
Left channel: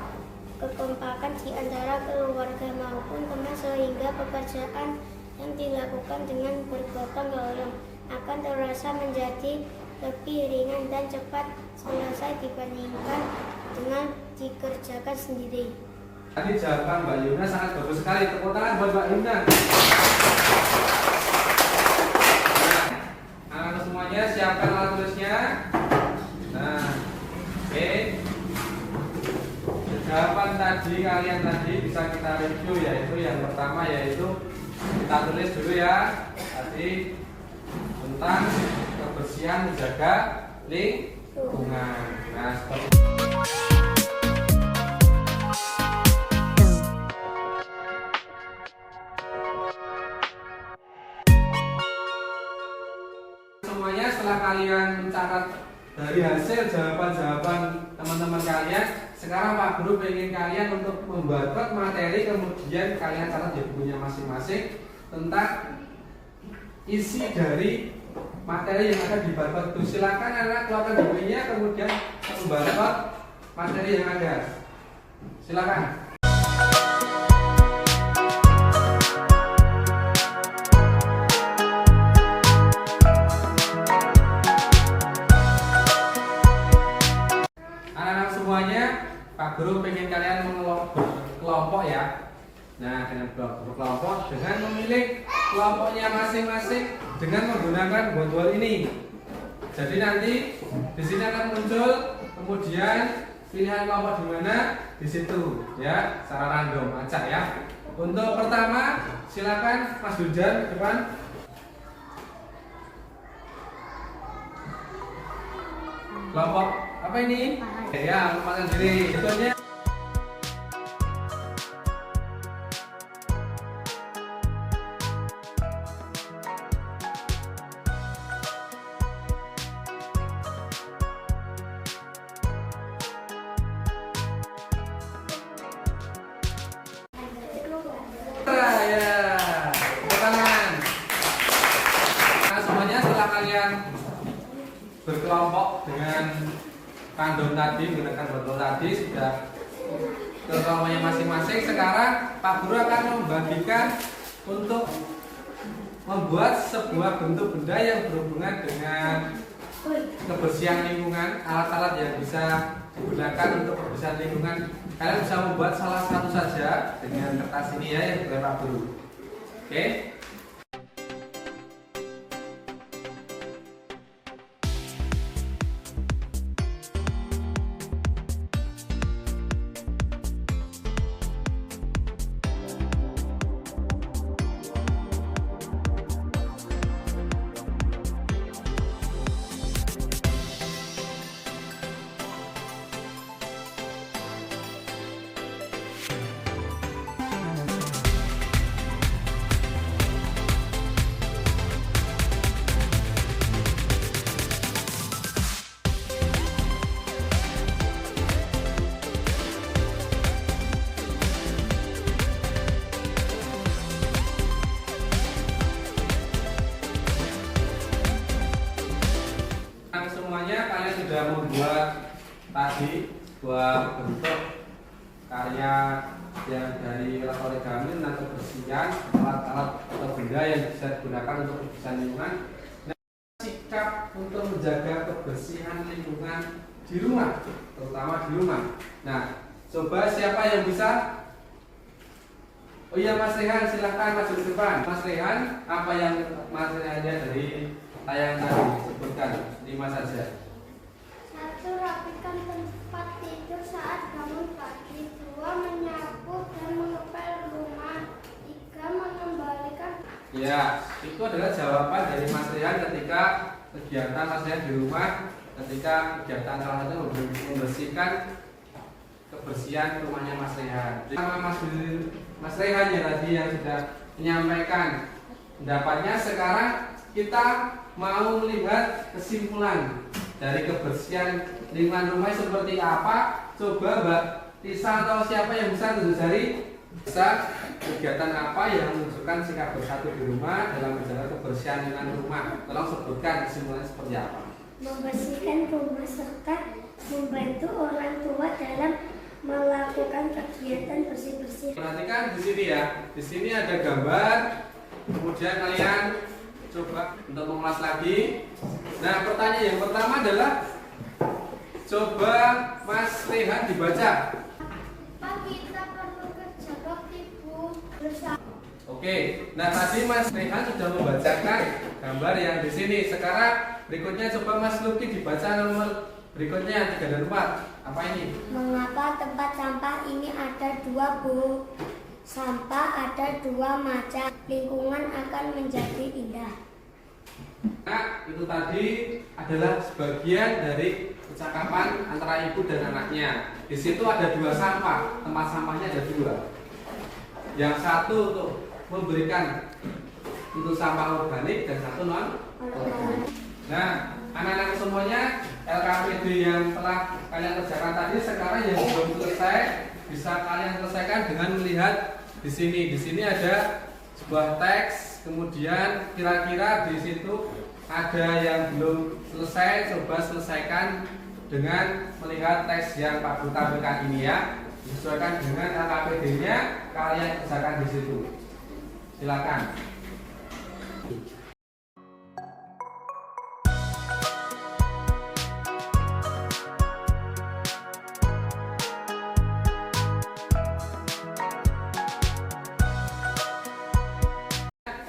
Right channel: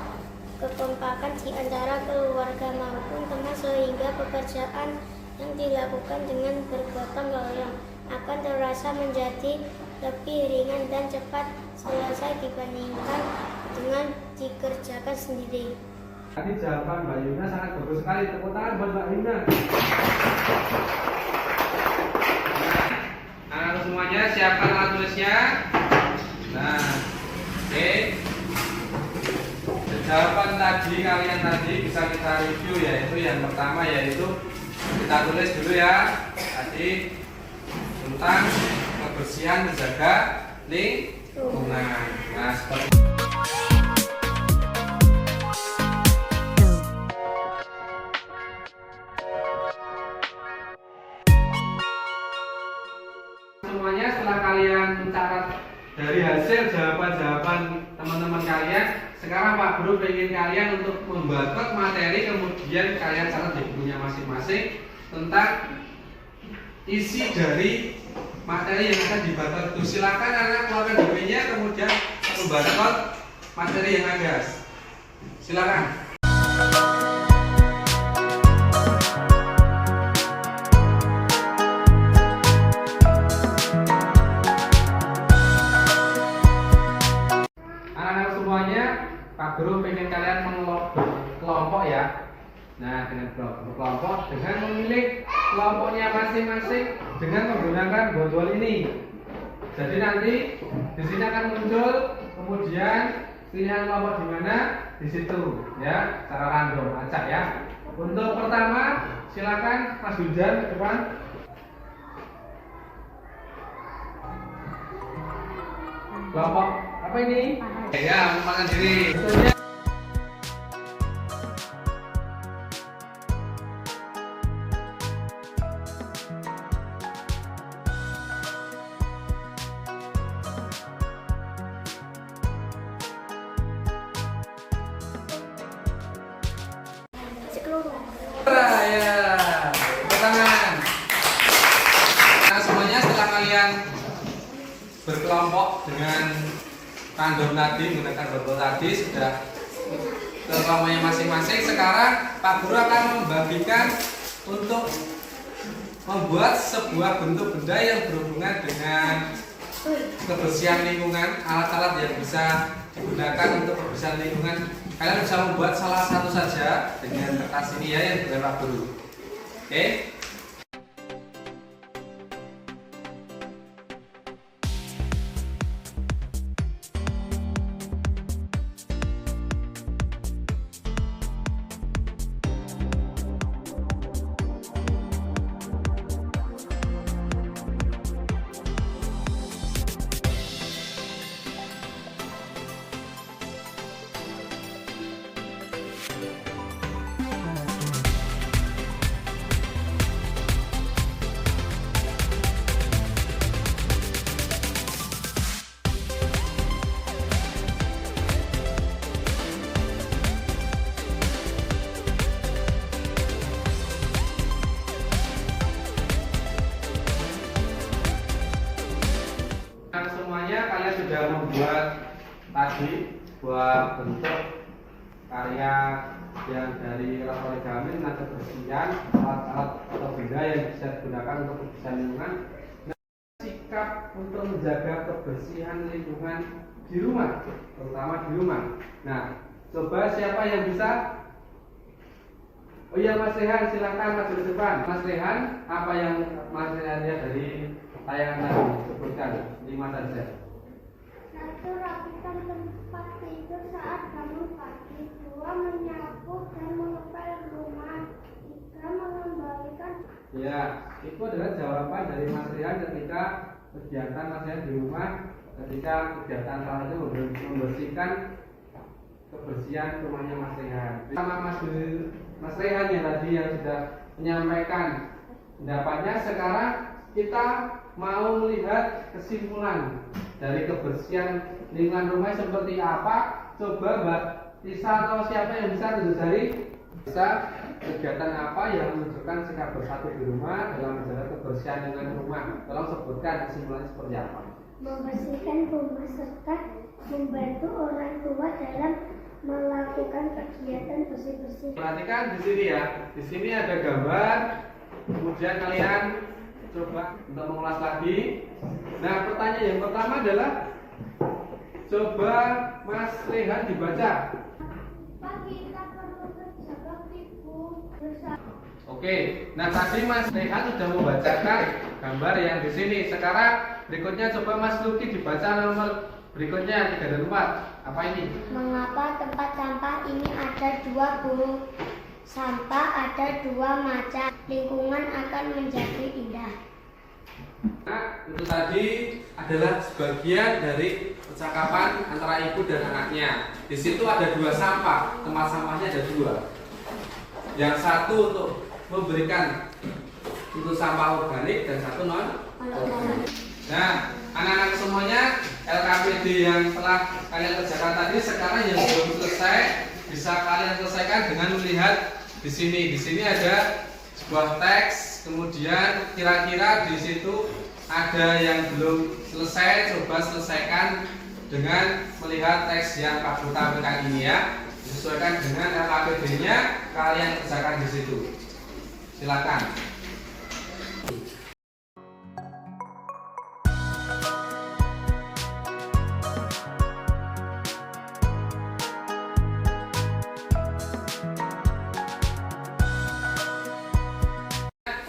kekompakan di antara keluarga maupun teman, sehingga pekerjaan yang dilakukan dengan bergotong royong akan terasa menjadi lebih ringan dan cepat selesai dibandingkan dengan dikerjakan sendiri. Tadi jawaban Mbak Yuna sangat bagus sekali. Tepuk tangan buat Mbak Yuna. Nah, semuanya siapkan alat tulisnya. Nah, oke. Jawaban kalian tadi bisa kita review, yaitu yang pertama yaitu kita tulis dulu ya. Tadi tentang kebersihan menjaga lingkungan. Nah, seperti semuanya, setelah kalian mencatat dari hasil jawaban-jawaban teman-teman kalian, sekarang Pak Guru ingin kalian untuk membuat materi, kemudian kalian catat di bukunya masing-masing tentang isi dari materi yang akan dibaca itu. Silakan anak keluarkan bukunya, kemudian membaca materi yang ada. Silakan. Anak-anak semuanya, Pak Guru pengen kalian berkelompok ya. Nah, dengan berkelompok dengan memilih kelompoknya masing-masing dengan menggunakan botol ini. Jadi nanti di sini akan muncul, kemudian pilihan kelompok di mana di situ ya, secara random acak ya. Untuk pertama, silakan Mas Hujan ke depan. Kelompok apa ini? Ya, menyempatkan diri. Betulnya. Ya, tangan. Nah, semuanya setelah kalian berkelompok dengan random tadi, menggunakan botol tadi, sudah ke kelompoknya masing-masing. Sekarang Pak Guru akan membagikan untuk membuat sebuah bentuk benda yang berhubungan dengan kebersihan lingkungan, alat-alat yang bisa digunakan untuk kebersihan lingkungan. Kalian bisa membuat salah satu saja dengan kertas ini ya, yang diberikan Pak Guru. Oke. Kalian sudah membuat tadi buat bentuk karya yang dari origami tentang kebersihan, alat-alat atau benda yang bisa digunakan untuk kebersihan lingkungan. Nah, sikap untuk menjaga kebersihan lingkungan di rumah, terutama di rumah. Nah, coba siapa yang bisa Oh iya Mas Rehan, silahkan maju ke depan. Mas Rehan, apa yang Mas Rehan lihat dari tayangan tadi? Sebutkan 5 saja. 1. Rapikan tempat tidur saat bangun pagi. 2. Menyapu dan mengepel rumah. 3. Mengembalikan. Ya, itu adalah jawaban dari Mas Rehan ketika kegiatan Mas Rehan di rumah, ketika kegiatan salah satu membersihkan kebersihan rumahnya Mas Rehan. Sama Mas Rehan yang tadi yang sudah menyampaikan pendapatnya, sekarang kita mau melihat kesimpulan dari kebersihan lingkungan rumah seperti apa. Coba Mbak Tisa atau siapa yang bisa tunjuk jari, bisa kegiatan apa yang menunjukkan sikap bersatu di rumah dalam menjaga kebersihan lingkungan rumah. Tolong sebutkan kesimpulan seperti apa. Membersihkan rumah serta membantu orang tua dalam melakukan kegiatan bersih-bersih. Perhatikan di sini ya. Di sini ada gambar. Kemudian kalian coba untuk mengulas lagi. Nah, pertanyaan yang pertama adalah coba Mas Rehan dibaca. Pak, kita perlu kerja bakti Bu bersama. Oke. Nah, tadi Mas Rehan sudah membacakan gambar yang di sini. Sekarang berikutnya coba Mas Luki dibaca nomor berikutnya 3 dan 4. Apa ini? Mengapa tempat sampah ini ada 2 Bu? Sampah ada 2 macam. Lingkungan akan menjadi indah. Nah, itu tadi adalah sebagian dari percakapan antara ibu dan anaknya. Di situ ada 2 sampah, tempat sampahnya ada 2. Yang satu untuk memberikan untuk sampah organik dan satu non organik. Nah, anak-anak semuanya, LKPD yang telah kalian kerjakan tadi sekarang yang belum selesai bisa kalian selesaikan dengan melihat di sini. Di sini ada sebuah teks, kemudian kira-kira di situ ada yang belum selesai, coba selesaikan dengan melihat teks yang Pak Guru tampilkan ini ya. Disesuaikan dengan LKPD-nya, kalian kerjakan di situ. Silakan.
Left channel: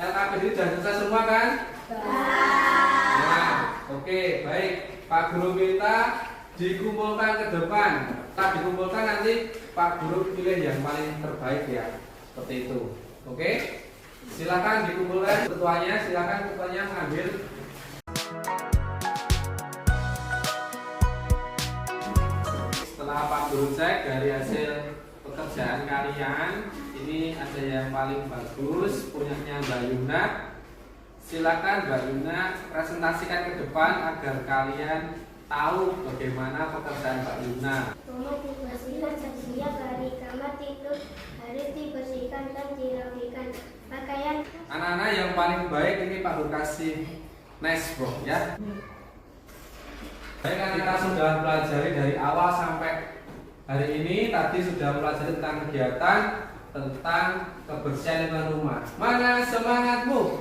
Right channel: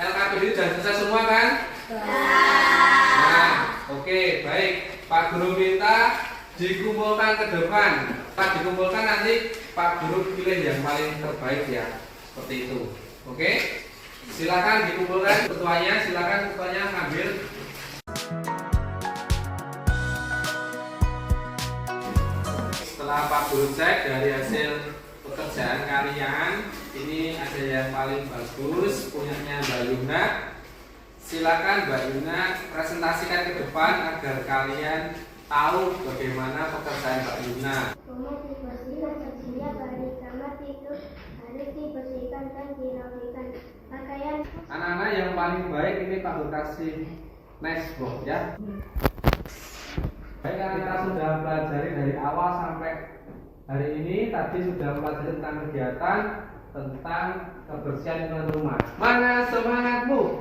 LKPD sudah selesai semua kan? Nah, oke, baik. Pak Guru minta dikumpulkan ke depan. Pak dikumpulkan nanti Pak Guru pilih yang paling terbaik ya, seperti itu. Oke, silakan dikumpulkan ketuanya. Silakan ketuanya ambil. Setelah Pak Guru cek dari hasil pekerjaan kalian, ini ada yang paling bagus punyanya Mbak Yuna. Silakan Mbak Yuna presentasikan ke depan agar kalian tahu bagaimana pekerjaan Mbak Yuna. Rumah dibersihkan setiap hari, kamar tidur harus dibersihkan dan dirapikan. Pakaian. Anak-anak yang paling baik ini Pak Guru kasih nice box ya. Baik, kita sudah pelajari dari awal sampai hari ini. Tadi sudah pelajari tentang kegiatan tentang kebersihan lingkungan rumah. Mana semangatmu?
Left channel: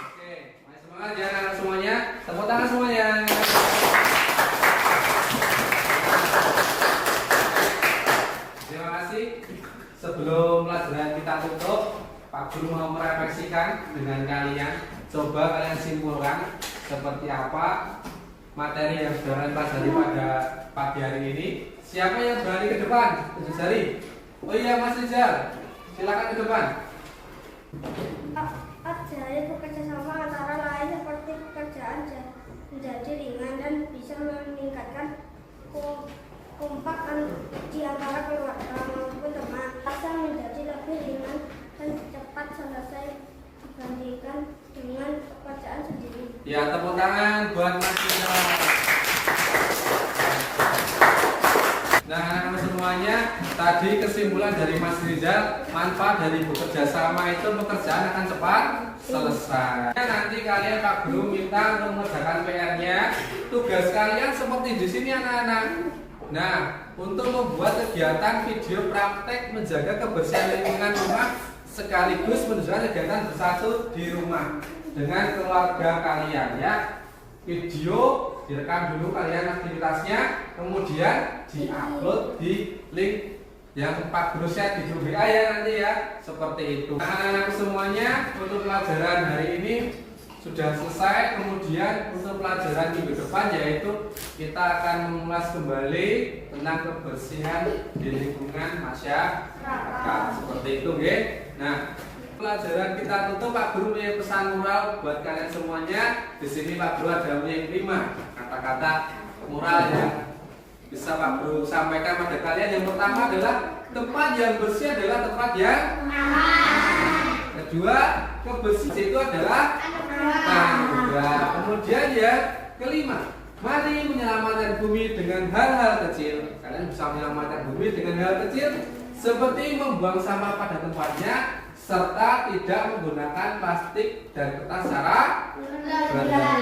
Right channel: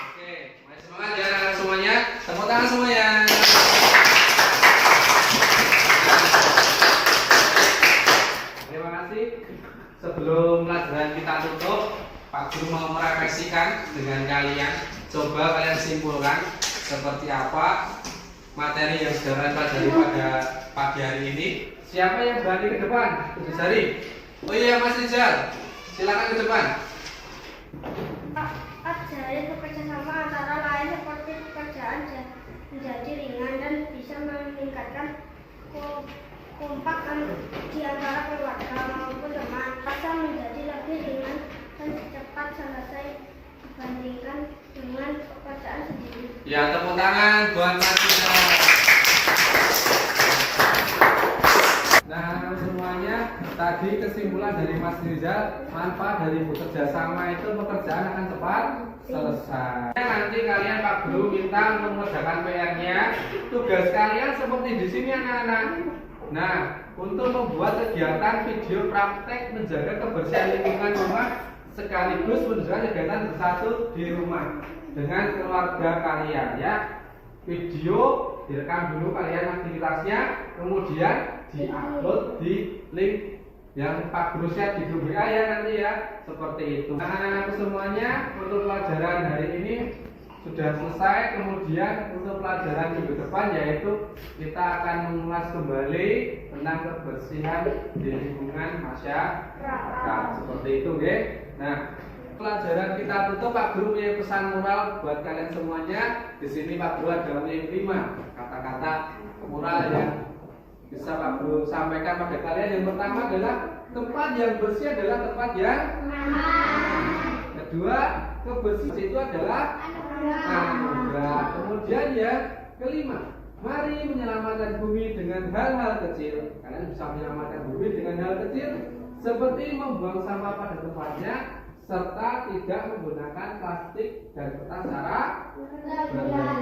Oke, masih semangat ya semuanya. Tepuk tangan semuanya. Terima kasih. Sebelum pelajaran kita tutup, Pak Guru mau merefleksikan dengan kalian. Coba kalian simpulkan seperti apa materi yang sudah kalian pelajari pada pagi hari ini. Siapa yang berani ke depan? Tunjuk jari. Oh iya Mas Rizal, silakan ke depan. Ajari bekerjasama antara lain seperti pekerjaan menjadi ringan dan bisa meningkatkan kompak di antara keluarga maupun teman. Rasa menjadi lebih ringan dan cepat selesai dibandingkan dengan pekerjaan sendiri. Ya, tepuk tangan buat Mas Rizal. Nah, anak-anak semuanya, tadi kesimpulan dari Mas Rizal, manfaat dari bekerja sama itu pekerjaan akan cepat selesai. Nanti kalian Pak Guru minta untuk mengerjakan PR-nya. Tugas kalian seperti di sini anak-anak. Nah, untuk membuat kegiatan video praktek menjaga kebersihan lingkungan rumah sekaligus menunjukkan kegiatan bersatu di rumah dengan keluarga kalian ya. Video direkam dulu kalian aktivitasnya, kemudian diupload di link yang Pak Guru share di grup WA ya nanti ya, seperti itu. Anak-anak semuanya, untuk pelajaran hari ini sudah selesai. Kemudian untuk pelajaran minggu depan yaitu kita akan mengulas kembali tentang kebersihan di lingkungan masyarakat, seperti itu nggih. Nah, pelajaran kita tutup. Pak Guru punya pesan moral buat kalian semuanya. Di sini Pak Guru ada punya 5 kata-kata moral yang bisa Pak Guru sampaikan pada kalian. Yang pertama adalah tempat yang bersih adalah tempat yang aman. Kedua, kebersihan itu adalah anugerah. Kemudian yang kelima, mari menyelamatkan bumi dengan hal-hal kecil. Kalian bisa menyelamatkan bumi dengan hal kecil seperti membuang sampah pada tempatnya, serta tidak menggunakan plastik dan kertas secara berlebihan.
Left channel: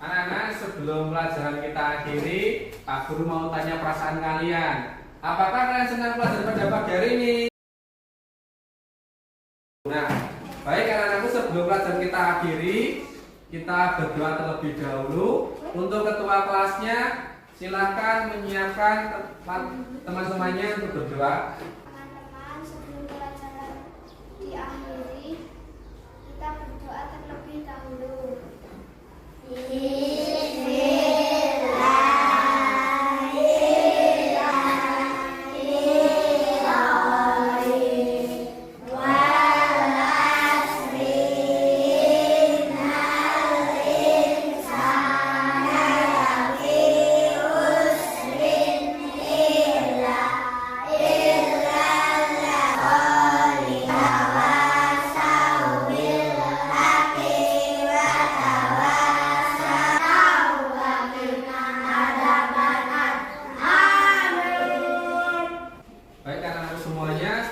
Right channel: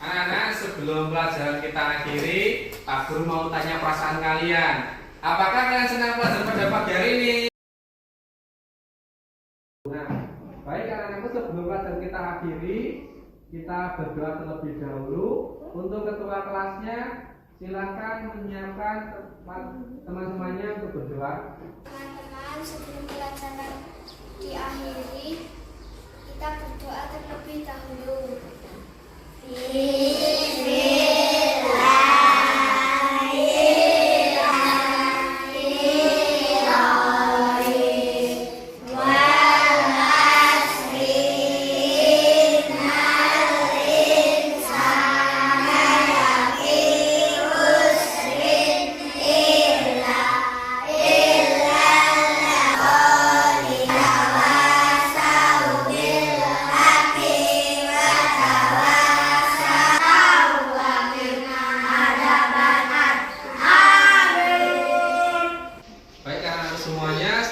Anak-anak, sebelum pelajaran kita akhiri, Pak Guru mau tanya perasaan kalian. Apakah kalian senang pelajaran pada pagi hari ini? Nah, baik anak-anakku, sebelum pelajaran kita akhiri, kita berdoa terlebih dahulu. Untuk ketua kelasnya, silakan menyiapkan teman-temannya untuk berdoa. Sebelum pelajaran diakhiri, kita berdoa terlebih dahulu.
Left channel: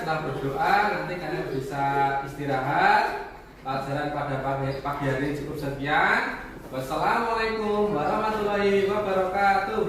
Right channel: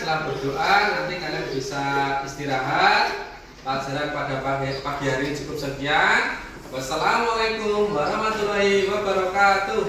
Berdoa, nanti kalian bisa istirahat. Pelajaran pada pagi hari cukup sekian. Wassalamualaikum warahmatullahi wabarakatuh.